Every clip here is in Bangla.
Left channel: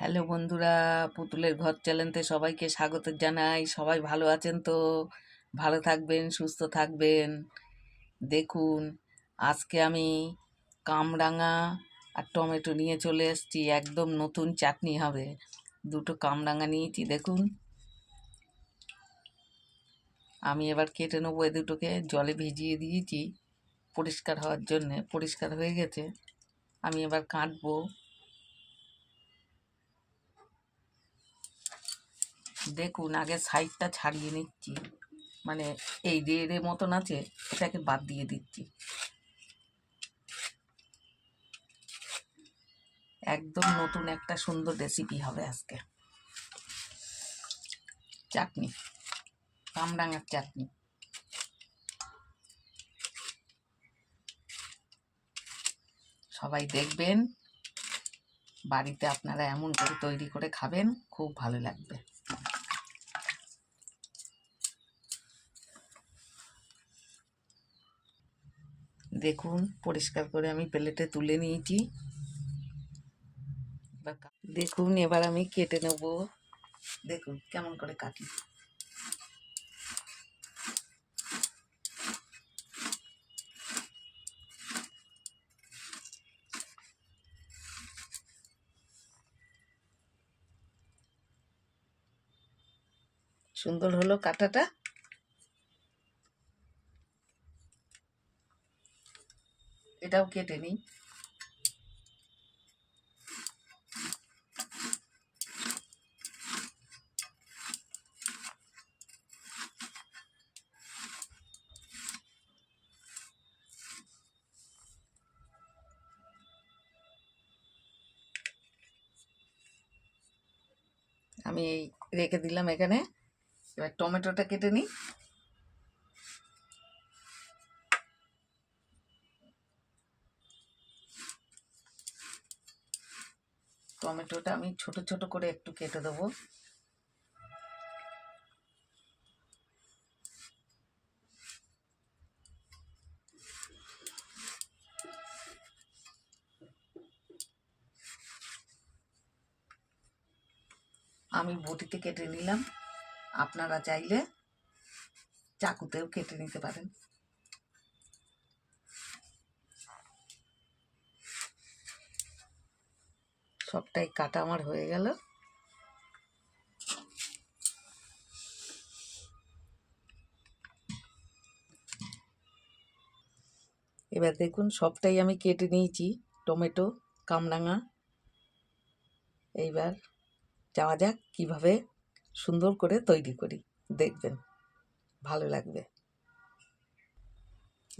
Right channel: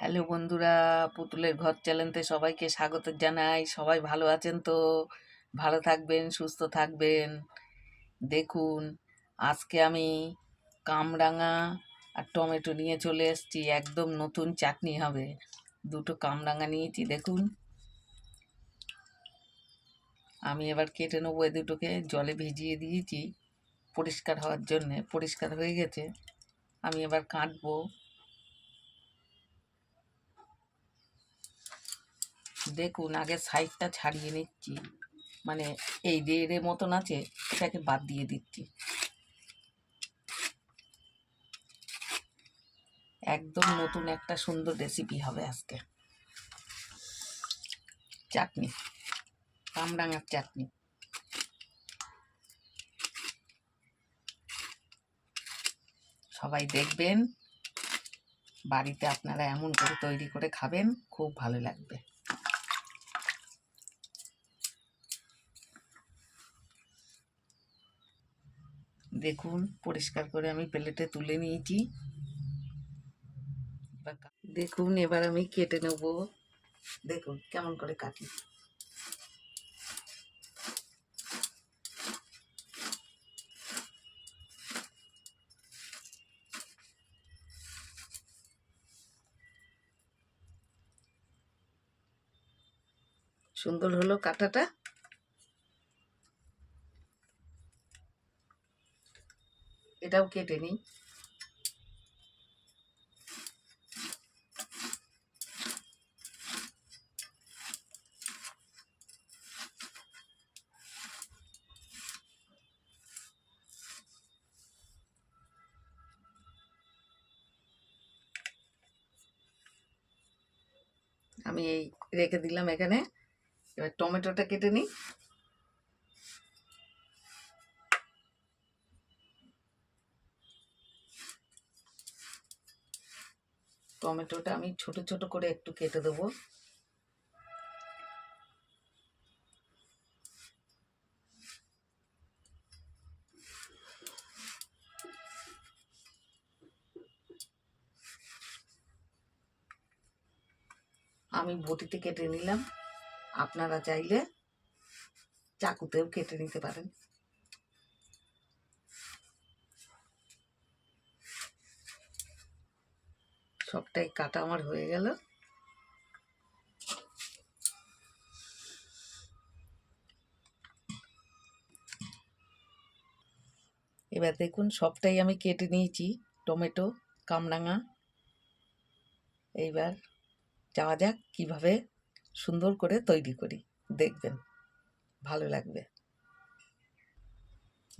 হ্যালো বন্ধুরা, পুতুলের ঘর চ্যানেলে সবাইকে স্বাগত জানাই। সবাই ভালো আছেন তো? ভালো থাকবেন, সুস্থ থাকবেন। দেখুন, আজকে আমি কামরাঙা আর টমেটো নিয়ে চলে এসেছি। একদম নতুন চাটনি হবে। দুটো কামরাঙা নিয়েছি, দেখুন। আমি এবার কেটে নেবো। এ দুটোকে জলে ভিজিয়ে দিয়েছি পরিষ্কার হওয়ার জন্যে। পরিষ্কার হয়ে গেছে, আমি এবার কাটবো। দেখুন, আগে সাইডটা ছাড়িয়ে নিচ্ছি, মানে এই রে মতন আছে, এটাকে বাদ দিয়ে দিচ্ছি। একদম নতুন একটা সুন্দর রেসিপি হবে আজকে। চাটনি, কামরাঙার চাটনি। সবাই দেখবেন, বাড়িতে আপনারা এমন করে তৈরি করে খাবেন, খুব ভালো লাগবে। দেখুন, পরিষ্কার করে আমি প্লেটে তুলে নিয়েছি। দেখুন, এবার আমি কেটে নেব। দেখুন কেমন করে কাটি। সুন্দর হলো কাটাটা। এটাও কেটে নিই। আমি এই রেখে দিলাম এখানে। এবার টমেটোটা কেটে নিই। টমেটোটা আমি ছোট ছোট করে একটু কেটে দেবো। আমি বটিতে কেটে নিলাম। আপনারা চাইলে চাকুতেও কেটে নিতে পারেন। সবটাই কাটা আমার হয়ে গেল। এবার দেখুন, সবটাই আমি কেটে নিয়েছি। টমেটো, কামরাঙা। এইবার যাওয়া যাক কিভাবে সুন্দর করে তৈরি করি, দেখবেন ভালো লাগবে।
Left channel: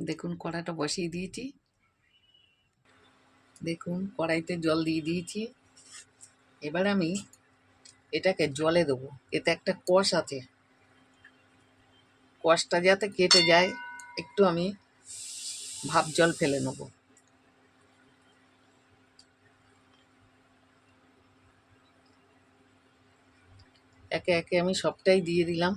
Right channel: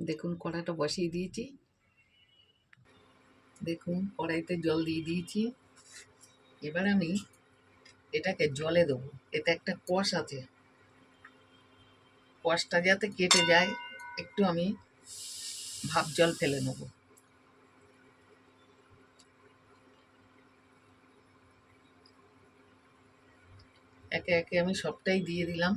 দেখুন, কড়াইটা বসিয়ে দিয়েছি। দেখুন, কড়াইতে জল দিয়ে দিয়েছি। এবার আমি এটাকে জলে দেবো। এতে একটা কষ আছে, কষটা যাতে কেটে যায়, একটু আমি ভাপ জল ফেলে নেব। একে একে আমি সবটাই দিয়ে দিলাম।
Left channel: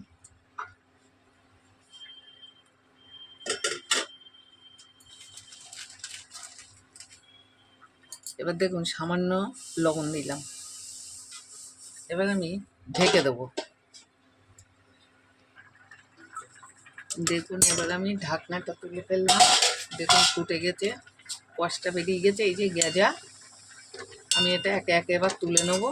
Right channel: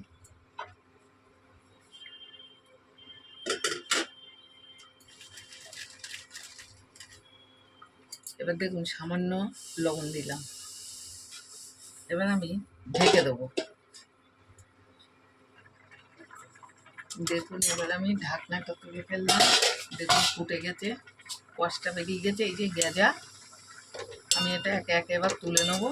এবার দেখুন, সামান্য লবণ দিলাম। এবার আমি ঢেকে দেবো। দেখুন, এবার আমি ঢাকনাটা তুলে ফেললাম। দেখুন, ফুটে গেছে, কষটা বেরিয়ে গেছে, এই যে গেজা। আমি এটা একে একে এবার তুলে নেব।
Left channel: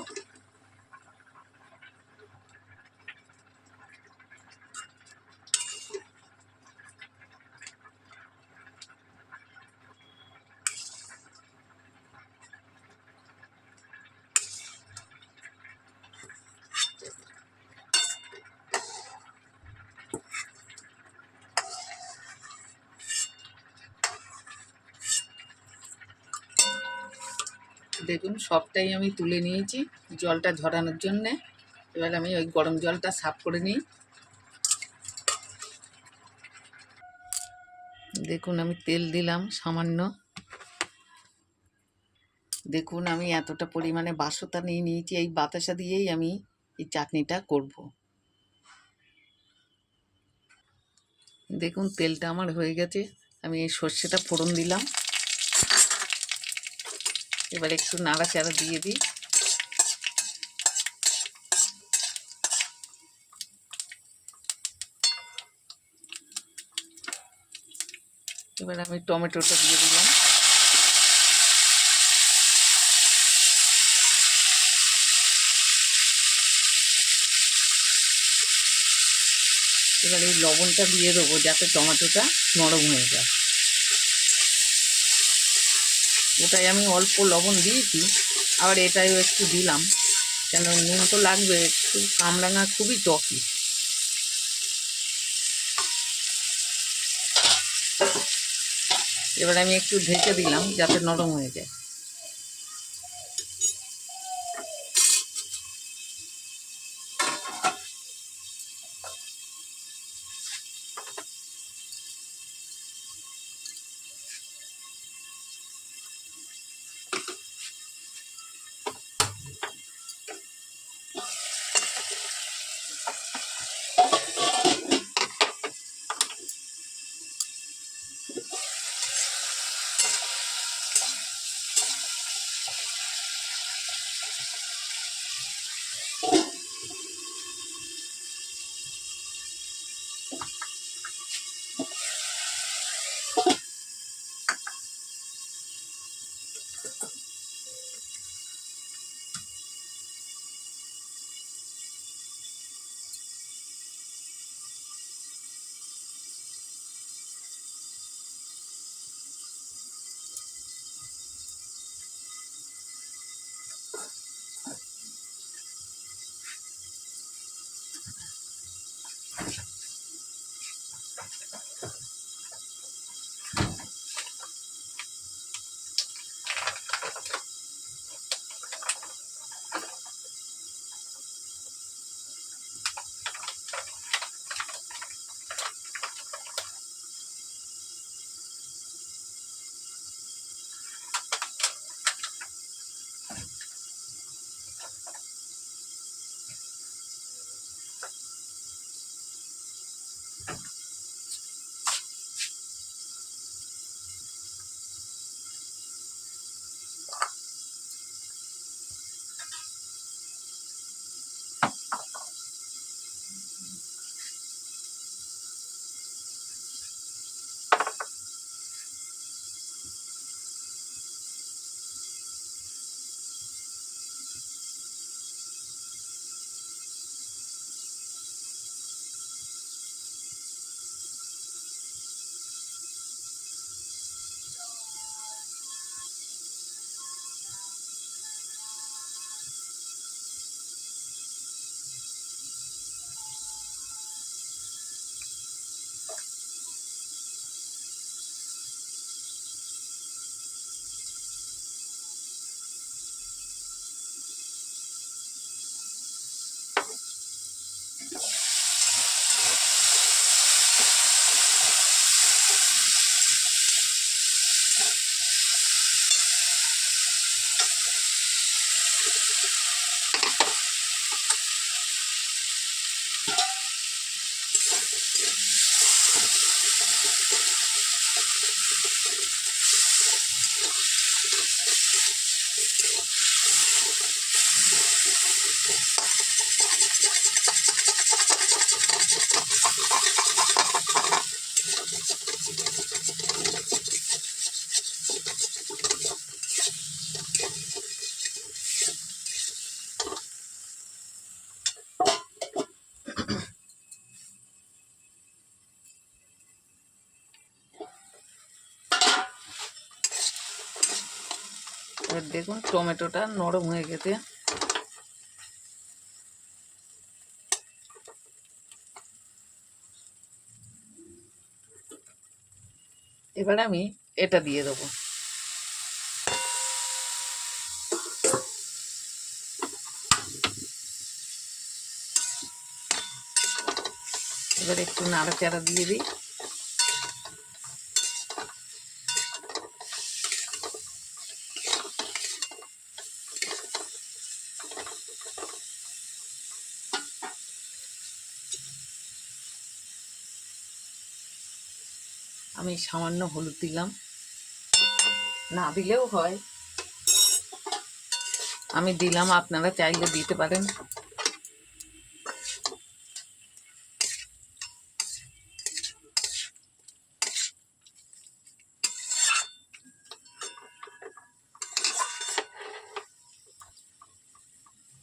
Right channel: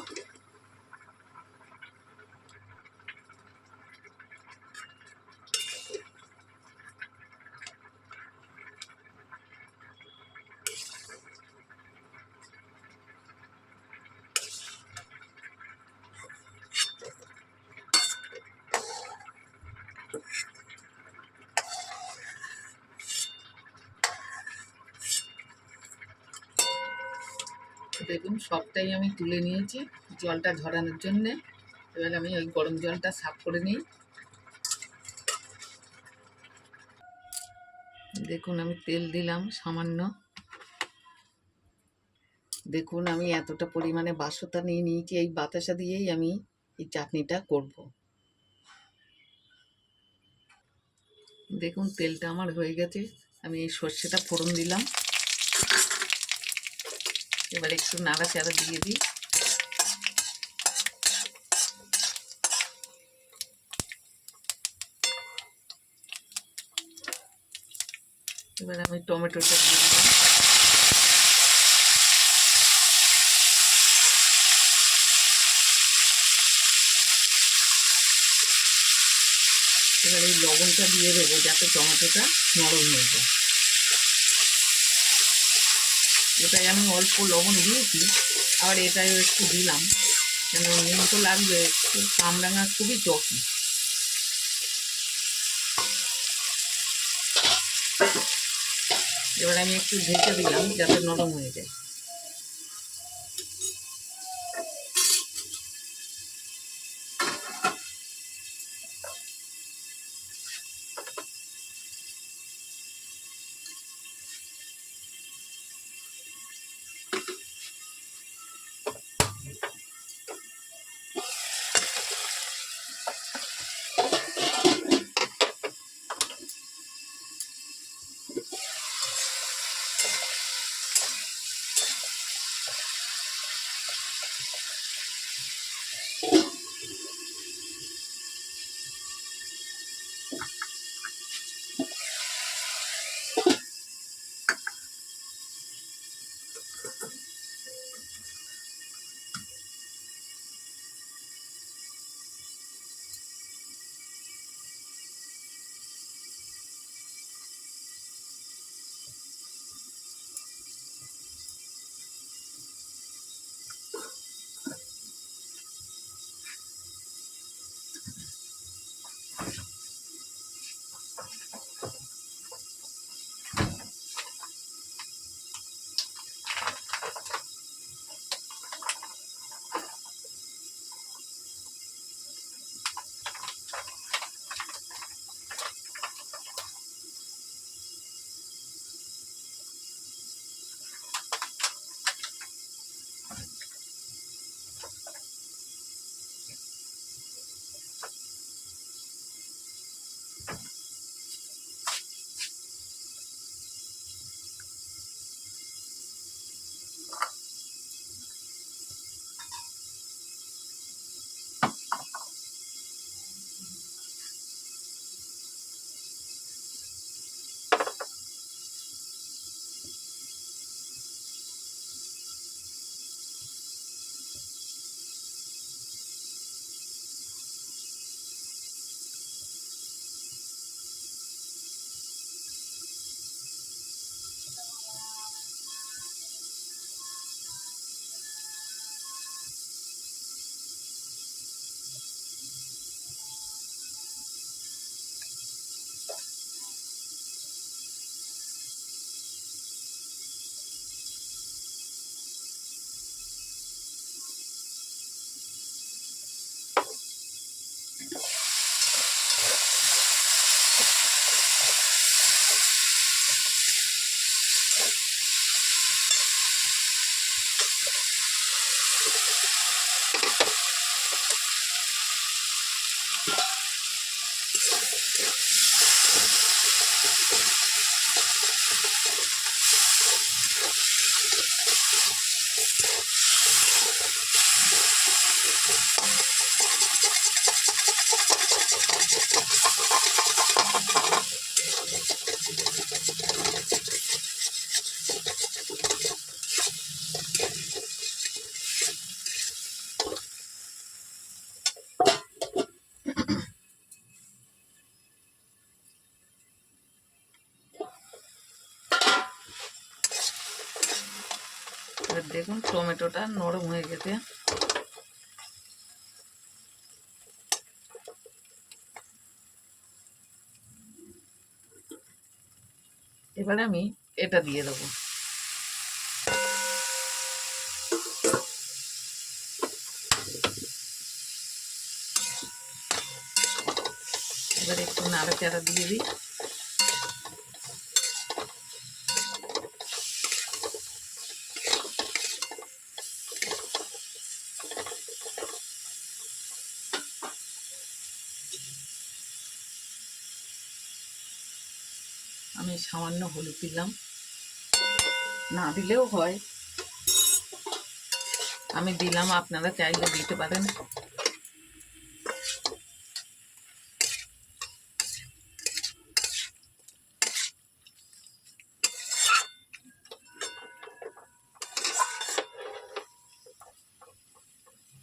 দেখুন, সবটাই আমি তুলে নিয়েছি জলটা ঝরানোর জন্যে। এবার আমি ওই গরম জলটা সাফ করে নিই। দেখুন, আমি তেল দিলাম সামান্য। দেখুন, আমি এতটা পরিমাণে বাসতা নিয়ে নিয়েছি। এই বাতাসা দিয়েই আমি এই চাটনিটা করব। দেখুন, তেলটা আমার হয়ে গেছে। আমি এই সর্ষেটা ফোড়ন দিলাম। এবার একটু নাড়াচাড়া দিয়ে দিই। এবার আমি টমেটোটা দিয়ে দিলাম। এবার এই লবণটা দিয়ে দেবো যাতে টমেটোটা নরম হয়ে যায়। ওটাই আমি অল্প লবণ দিয়েছি, আবার এটাইও একটু দিলাম, কেন নুন তো লাগবে একটু। কামরাঙা খুবই টকি। এবার আমি একটু ঢেকে দিলাম যাতে নরম হয়ে যায়। এবার দেখুন টমেটোটা নরম হয়ে গেছে। এবার আমি এটা দিয়ে দেবো। এবার একটু নাড়াচাড়া দিয়ে দিই। আমি সামান্য হলুদ দিলাম, না দিলেও হয়, আমি দিলাম, আপনারা চাইলে দিতে পারেন।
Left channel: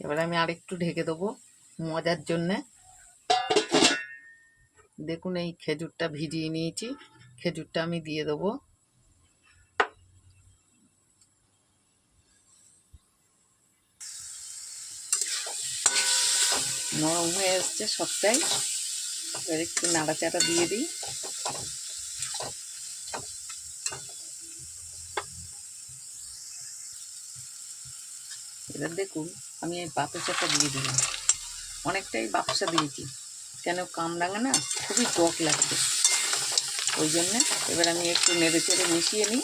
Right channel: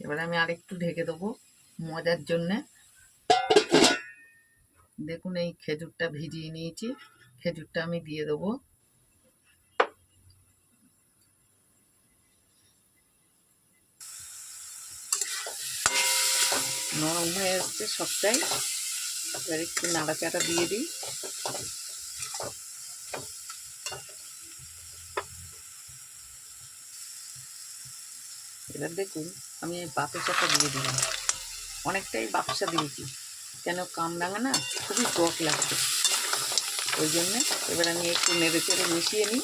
এবার আমি আরেকটু ঢেকে দেবো মজার জন্যে। দেখুন এই খেজুরটা ভিজিয়ে নিয়েছি, খেজুরটা আমি দিয়ে দেবো। নরম হয়ে এসছে সবটাই। এবার একটু নাড়াচাড়া দিয়ে দিই। এবার দেখুন আমি এই বাতাসাটা দিয়ে দিলাম, অনেকটাই বাতাসা দিয়েছি, কেন কামরাঙা না খুবই টক লাগবে, ওই জন্যে। এবার আমি একটু নেড়ে চেড়ে মিশিয়ে নিই,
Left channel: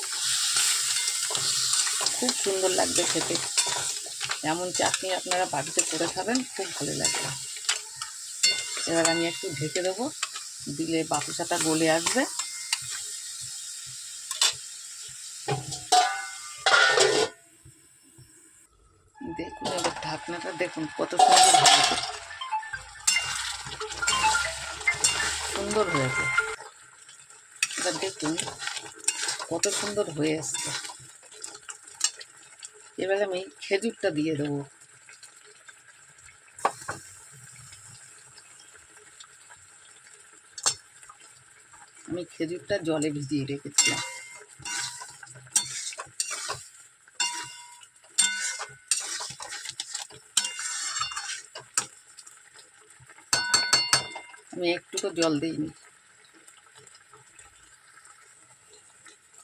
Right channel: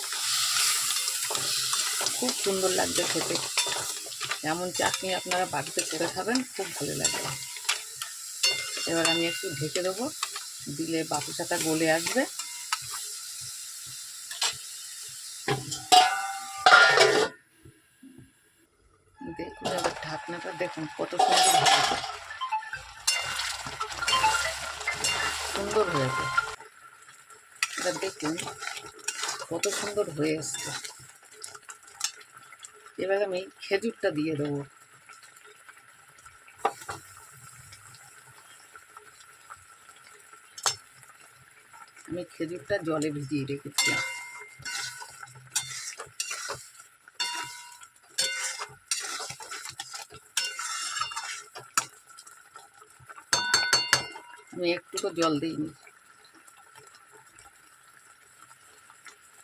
খুব সুন্দর লাগবে খেতে। এমন চাটনি আপনারা বাড়িতে করে খাবেন, খুব ভালো লাগবে। এবার আমি একটু ঢেকে দেবো, দিলে বাতাসাটা গলে আসবে। দেখুন এবার ঢাকনাটা দেখুন কত সুন্দর হয়েছে, সুন্দর হয়েছে। এবার দেখুন কত সুন্দর হয়ে এসছে। এবার আমি খেজুরটা দিয়ে দেবো। আমি খেজুরটা জলে ভিজিয়ে রেখেছিলাম। আমি একটুকু জল দিইনি।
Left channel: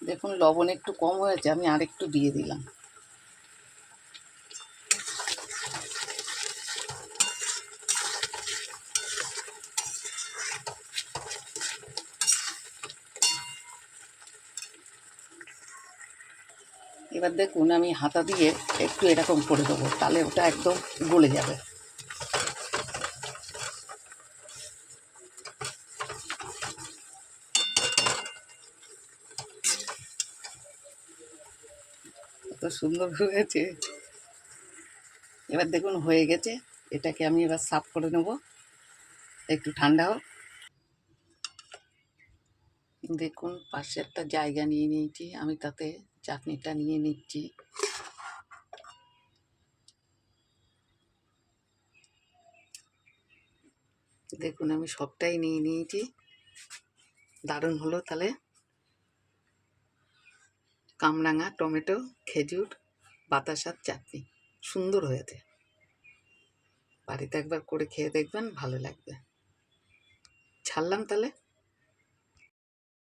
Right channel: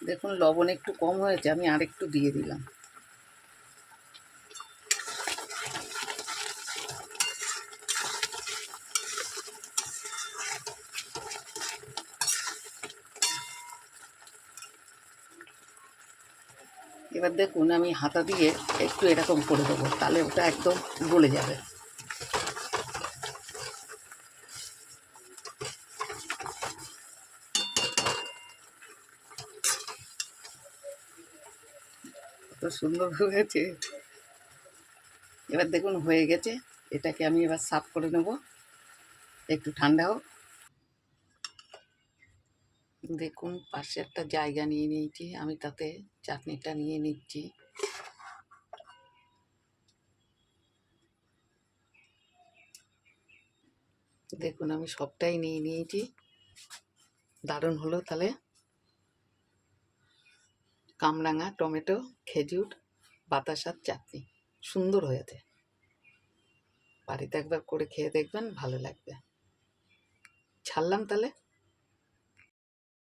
দেখুন লবণ একটু কম হয়েছে, আমি আরেকটু দিয়ে দিলাম। এবার দেখুন আমি হাতা দিয়ে একটু এরকম করে দেবো, তাহলে ওটা একদম গলে যাবে। কত সুন্দর হয়েছে। এবার দেখুন হয়ে গেছে, এটাকে আমি এবার সার্ভ করে নেব, একটু ঠান্ডা হোক। দেখুন পাশে একটা জায়গা নিয়ে নিয়েছি, আমি তাতে চাটনিটা নিয়ে নিচ্ছি। দেখুন আমি সবটাই নিয়ে নিয়েছি। দারুণ হলো তাহলে কামরাঙা, টমেটো, খেজুর, বাতাসার চাটনি, সুন্দর হয়েছে। বাড়িতে একবার করে খেয়ে দেখবেন, ভালো লাগবে। ছাড়লাম তাহলে।